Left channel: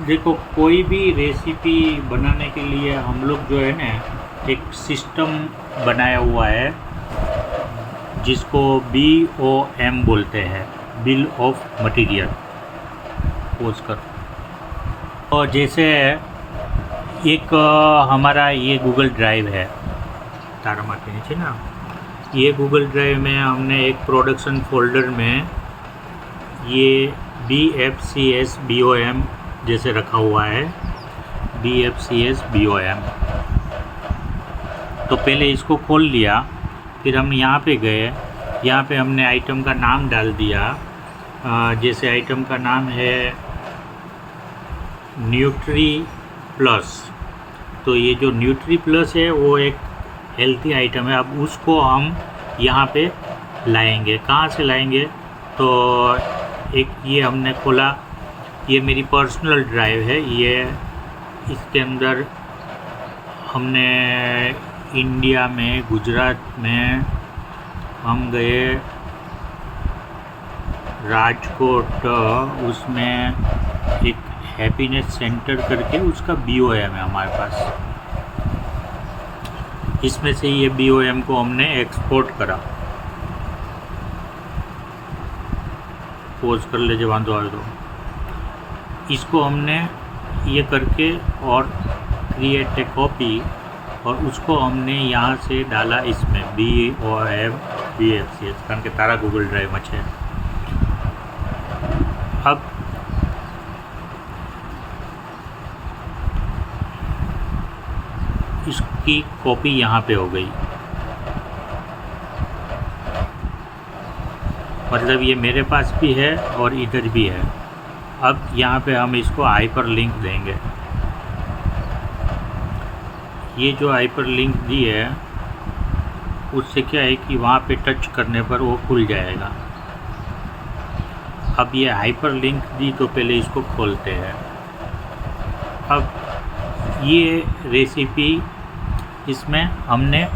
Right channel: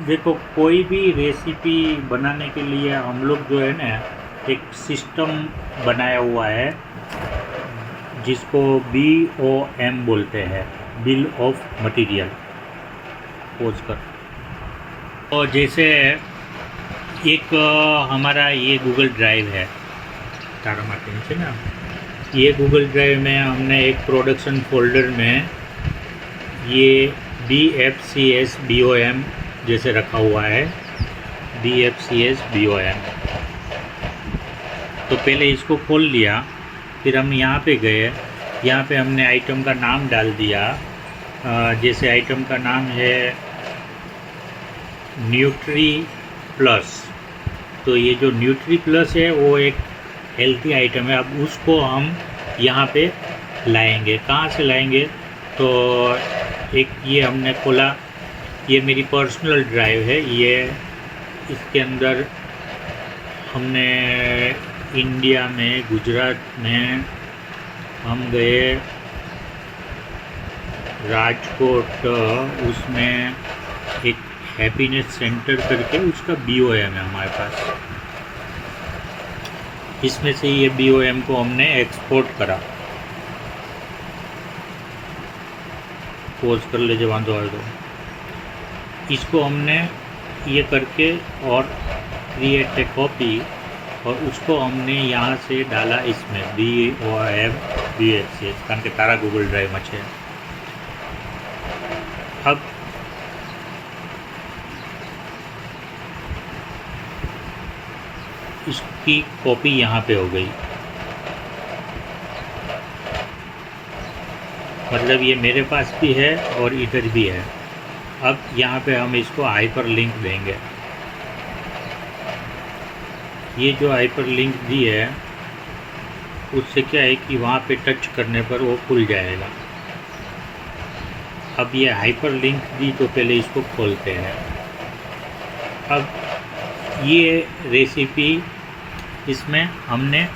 देखो, कोई भी रेसिपी बनाने के लिए हम लोग जो है ना, एक सिस्टम बनाया हुआ है जिसको BOM बोलते हैं, बिल ऑफ मटेरियल। पोज कर। और जैसे एक हमारा ये गूगल ड्राइव है, तारा माटे नीचे ना, ये गूगल ड्राइव में हमने एक प्रोडक्शन फोल्डर में ये BFCS BOM जैसे रखा हुआ है, BFCS BOM। तो पहले इसको खोल लिया, फिर हम यहाँ पे गए, यहाँ पे हमने आइटम का नाम डाल दिया। जैसे आइटम का नाम है न्यूट्री प्लस, तो ये जो न्यूट्री प्लस है वो एक हेल्थी आइटम है। अब उसको हम यहाँ पे लाएंगे। कहाँ से लाएंगे? तो एक ये हमने खोला, ये मेरी पर्सनल ड्राइव है। ये इसके अंदर हमने इंडिया में, गुजरात में हम गए, राजकोट, उसमें एक हैप्पीनेस सेंटर करके उसका BOM है हमारे पास। इसमें से ये BOM को हमने एक्सपोर्ट करा। पोज कर ले जब बांधो आए तो इसको हमने ये करके और क्रिएट ए कॉपी, और उसको हमने यहाँ से डाला इसमें BOM BFCS, कारण के तारा गूगल ड्राइव में है। अब इसकी कॉपी यहाँ पे हो गई, मतलब ये मेरे पास भी है और इधर भी है। अब यहाँ पे हम इसको हाइपर लिंक देंगे। ये जो हाइपर लिंक दी है उससे क्या है कि वहाँ पे टच करने पर वो खुल जाएगा। अब ये हाइपर लिंक दी, तो पहले इसको खोलते हैं। अब ये रेसिपी इसमें हमने,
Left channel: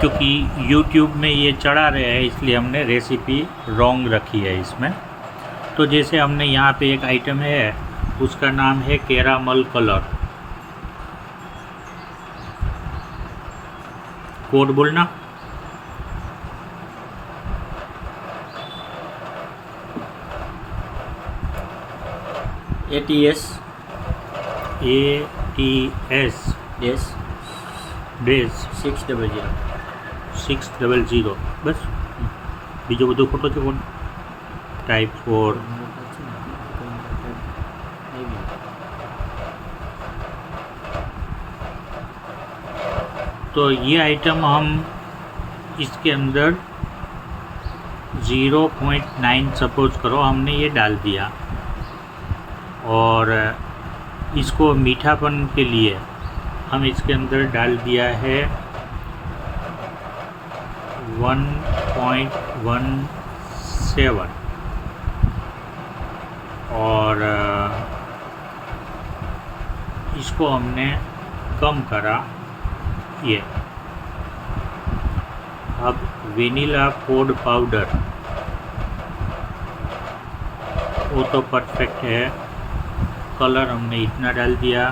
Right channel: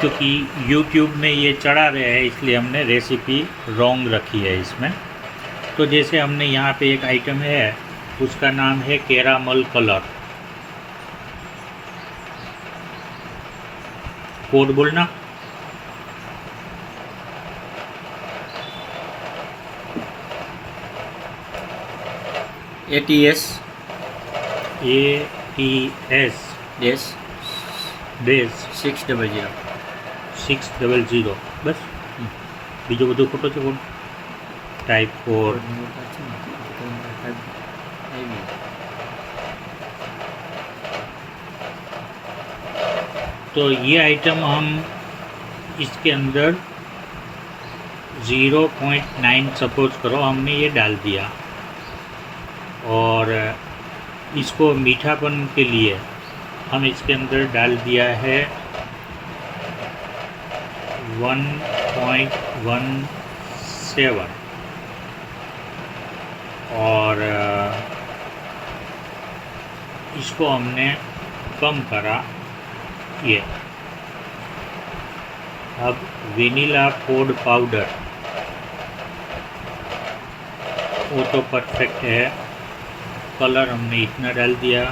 क्योंकि YouTube में ये चढ़ा रहे हैं इसलिए हमने रेसिपी रॉन्ग रखी है इसमें। तो जैसे हमने यहाँ पे एक आइटम है, उसका नाम है कैरामल कलर। कोड बोलना। ATS ATS બેઝ 600 600 બસ। બીજો બધું ખબર છે કોણ? टाइप 4। तो ये आइटम हम इसके अंदर 0.9 सपोज करो हमने ये डाल दिया, और इसको मीठापन के लिए हम इसके अंदर डाल दिया है 1.17, और इसको हमने कम करा ये। अब वेनिला फूड पाउडर, वो तो परफेक्ट है, कलर हमने इतना डाल दिया।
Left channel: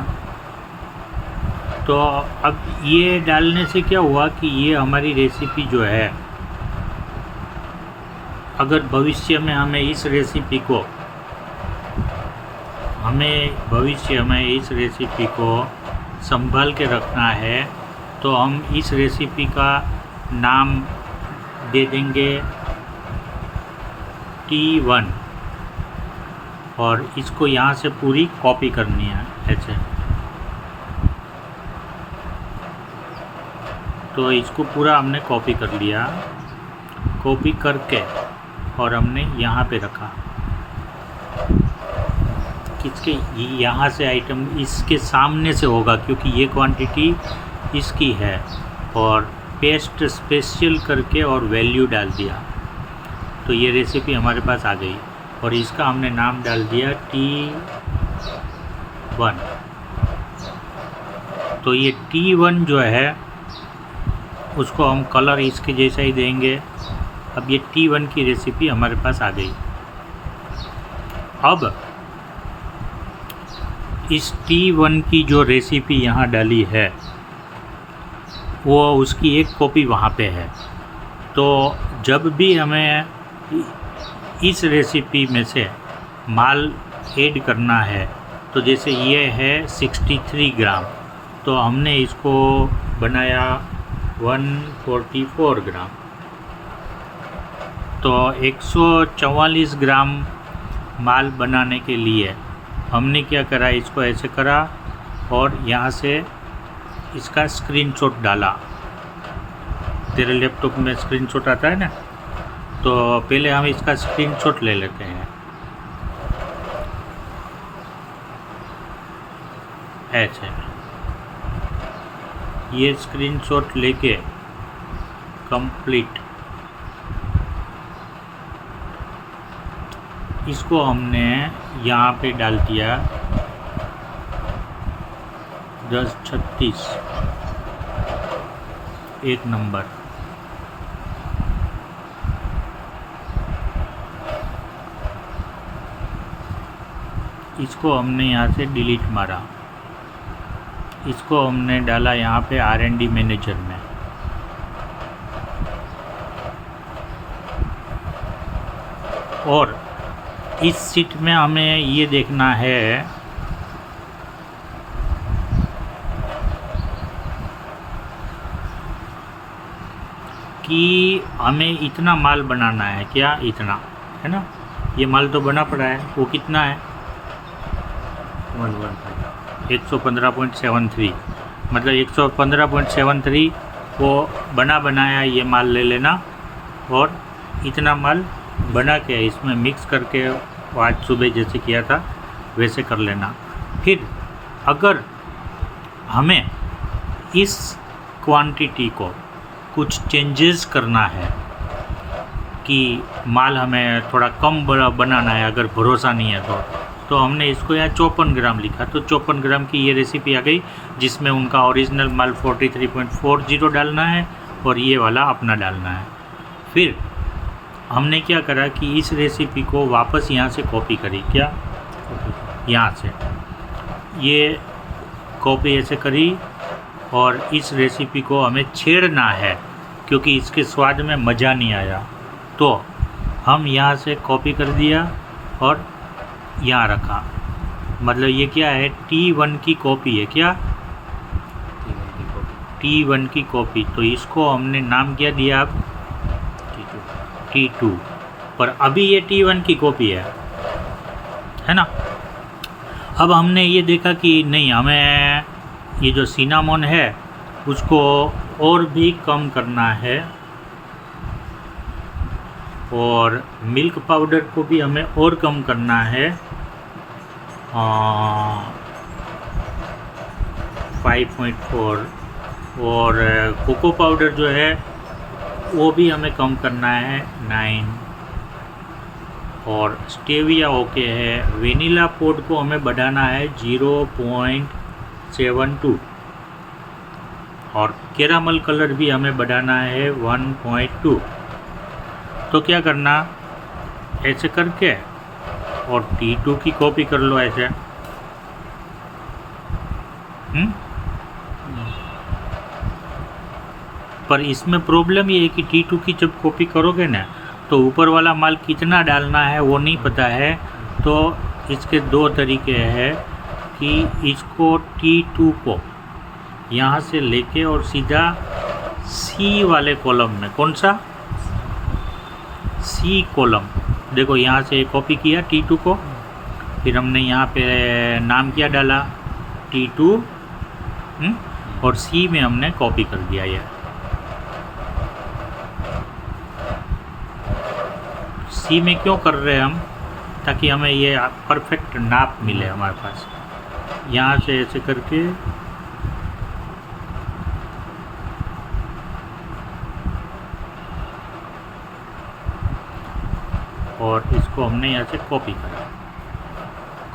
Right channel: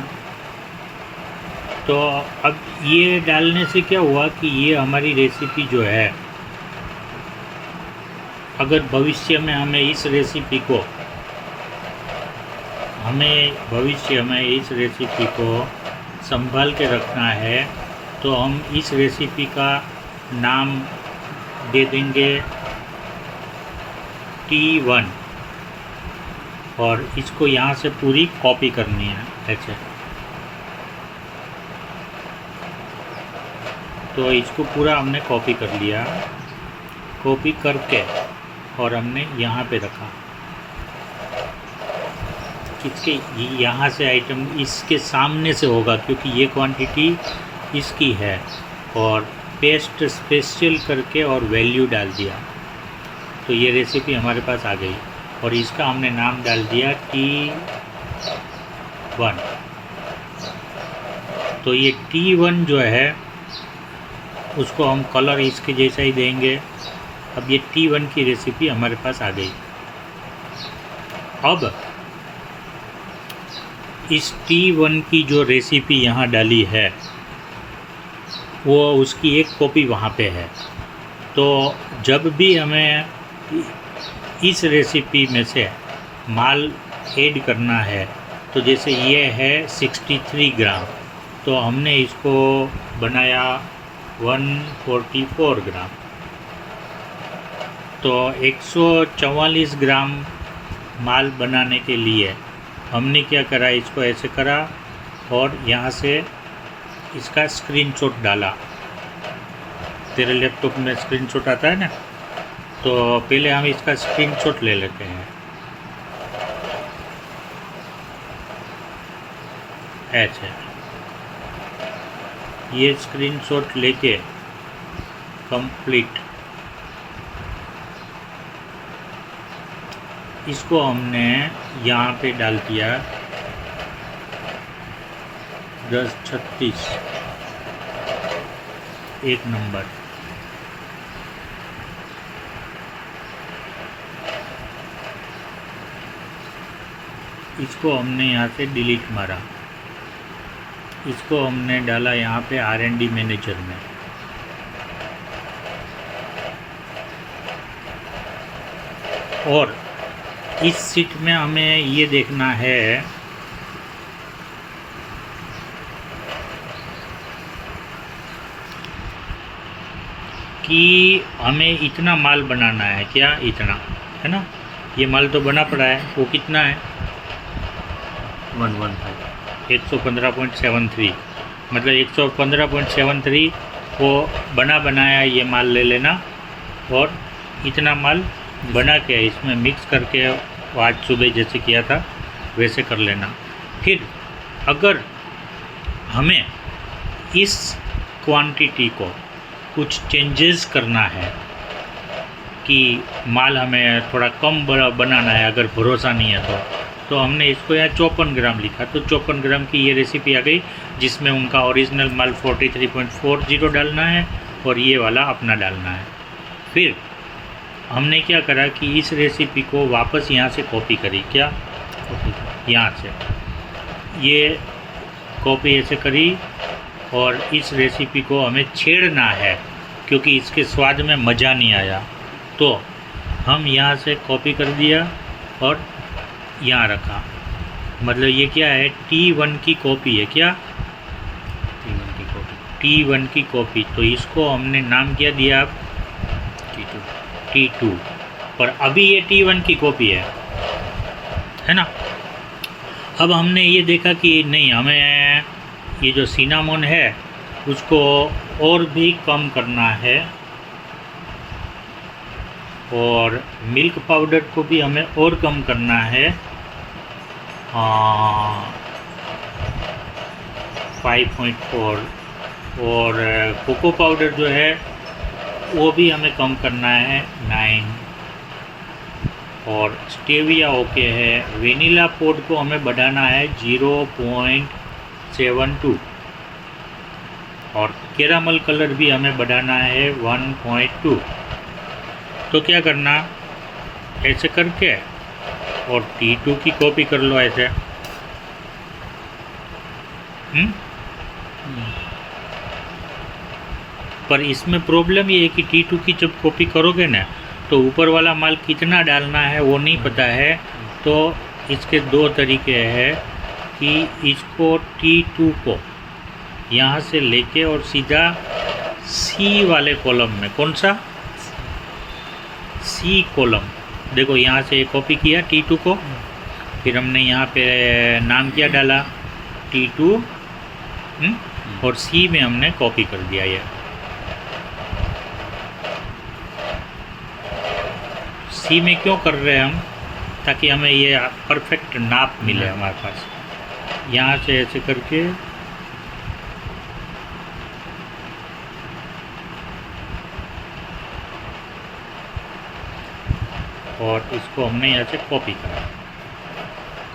तो अब ये डालने से क्या हुआ कि ये हमारी रेसिपी जो है, अगर भविष्य में हमें इस रेसिपी को संभाल के रखना है, तो हम इस रेसिपी का नाम दे देंगे T1, और इसको यहाँ से पूरी कॉपी करनी है ऐसे। तो इसको पूरा हमने कॉपी कर लिया, कॉपी करके और हमने यहाँ पे रखा। किसके? यहाँ से आइटम इसके सामने से होगा, क्योंकि ये क्वांटिटी इसकी है, और पेस्ट स्पेशल करके और वैल्यू डाल दिया। तो ये रेसिपी हमारे पास आ गई, और इसका हमने नाम डाल दिया T1। तो ये T1 जो है उसको हम कलर इसके जैसा ही देंगे। अब ये T1 की रेसिपी हमारे पास आ गई। अब इस T1 की जो रेसिपी यहाँ डाली है वो उसकी एक कॉपी वहाँ पे है। तो जब भी हमें इस रेसिपी में से माल ऐड करना है, तो जैसे ये है 63 ग्राम, तो हमने इसको बनाया 144 ग्राम, तो 144 ग्राम माल बनाने के लिए हमने क्या करा, इसको ऐसे करा और यहाँ से इसका स्क्रीनशॉट डाला। तेरे लैपटॉप में स्क्रीनशॉट आता है ना, तो पहले हम इसका स्क्रीनशॉट ले लेते हैं। ऐसे ये स्क्रीनशॉट लेके कंप्लीट इसको हमने यहाँ पे डाल दिया 1036 एक नंबर। इसको हमने यहाँ से डिलीट मारा, इसको हमने डाला यहाँ पे R&D मैनेजर में। और इस सीट में हमें ये देखना है कि हमें इतना माल बनाना है, क्या इतना है ना, ये माल तो बना पड़ा है, वो कितना है 115.73, मतलब 115.73 वो बनाया ये माल ले लेना और इतना माल बना के इसमें मिक्स करके आज सुबह जैसे किया था वैसे कर लेना। फिर अगर हमें इस क्वांटिटी को कुछ चेंजेस करना है कि माल हमें थोड़ा कम बनाना है, अगर भरोसा नहीं है तो हमने इसको यहाँ 54 ग्राम लिखा, तो 54 ग्राम की ये रेसिपी आ गई जिसमें उनका ओरिजिनल माल 43.40 डालना है और ये वाला अपना डालना है। फिर हमने क्या करा कि इस रेसिपी को वापस यहाँ से कॉपी करी, क्या कॉपी यहाँ से ये कॉपी ऐसे करी और इस रेसिपी को हमें छेड़ना है क्योंकि इसके स्वाद में मज़ा नहीं आया, तो हम यहाँ से कॉपी कर दिया और यहाँ रखा। मतलब ये क्या है, T1 की कॉपी है, क्या T1 की कॉपी। तो इसको हमने नाम क्या दिया अब T2, पर अभी ये T1 की कॉपी है ना। अब हमने ये देखा कि नहीं, हमें ये जो सिनामोन है उसको और भी कम करना है और मिल्क पाउडर को भी हमें और कम करना है 5.4 और कोको पाउडर जो है वो भी हमें कम करना है 9 और स्टेविया ओके है। वेनिला पोड को हमें बढ़ाना है 0.72 और कैरामल कलर भी हमें बढ़ाना है 1.2। तो क्या करना, ऐसे करके और T2 की कॉपी कर लो ऐसे। पर इसमें प्रॉब्लम ये है कि T2 की जब कॉपी करोगे ना तो ऊपर वाला माल कितना डालना है वो नहीं पता है। तो इसके दो तरीके हैं कि इसको T2 को यहाँ से लेके और सीधा C वाले कॉलम में, कौन सा C कॉलम, देखो यहाँ से कॉपी किया T2 को, फिर हमने यहाँ पे नाम क्या डाला T2 और C में हमने कॉपी कर दिया। ये C में क्यों कर रहे हैं हम, ताकि हमें ये परफेक्ट नाप मिले हमारे पास। यहाँ से ऐसे करके और इसको हमने यहाँ से कॉपी करा,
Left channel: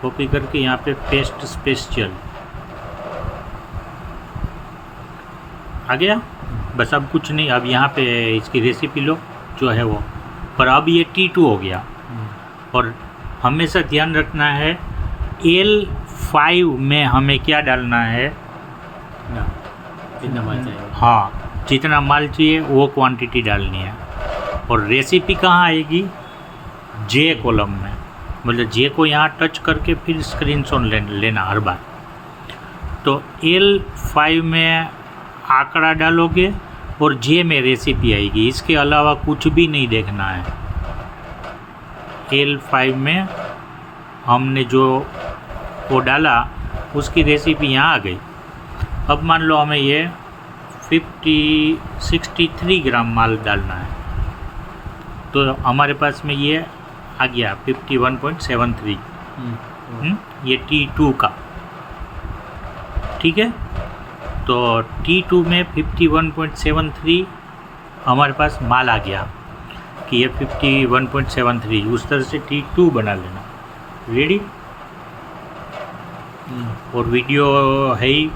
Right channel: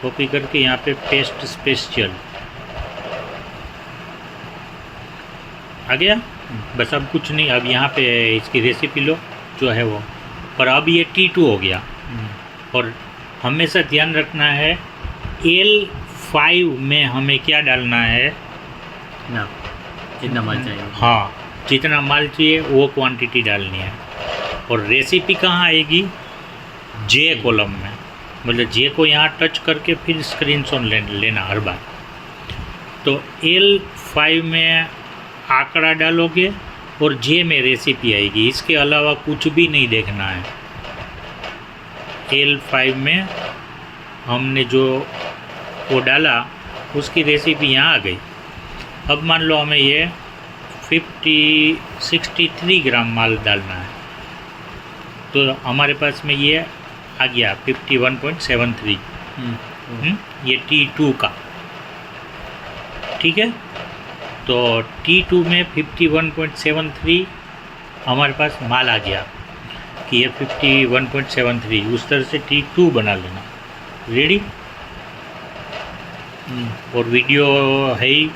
कॉपी करके यहाँ पे पेस्ट स्पेशल आ गया। बस अब कुछ नहीं, अब यहाँ पे इसकी रेसिपी लो जो है वो, पर अब ये T2 हो गया। और हमेशा ध्यान रखना है L 5 में हमें क्या डालना है? ना जितना माल चाहिए हाँ, जितना माल चाहिए वो क्वांटिटी डालनी है। और रेसिपी कहाँ आएगी? जे कॉलम में, मतलब जे को यहाँ टच करके फिर स्क्रीनशॉट लेना हर बार। तो L5 में आंकड़ा डालोगे और जे में रेसिपी आएगी, इसके अलावा कुछ भी नहीं देखना है। L5 में हमने जो वो डाला उसकी रेसिपी यहाँ आ गई। अब मान लो हमें ये 63 ग्राम माल डालना है, तो हमारे पास में ये आ गया 51.73। ये T2 का, ठीक है। तो T2 में 51.73 हमारे पास माल आ गया कि ये 51.73, उस तरह से T2 बना लेना। रेडी? और वीडियो है ही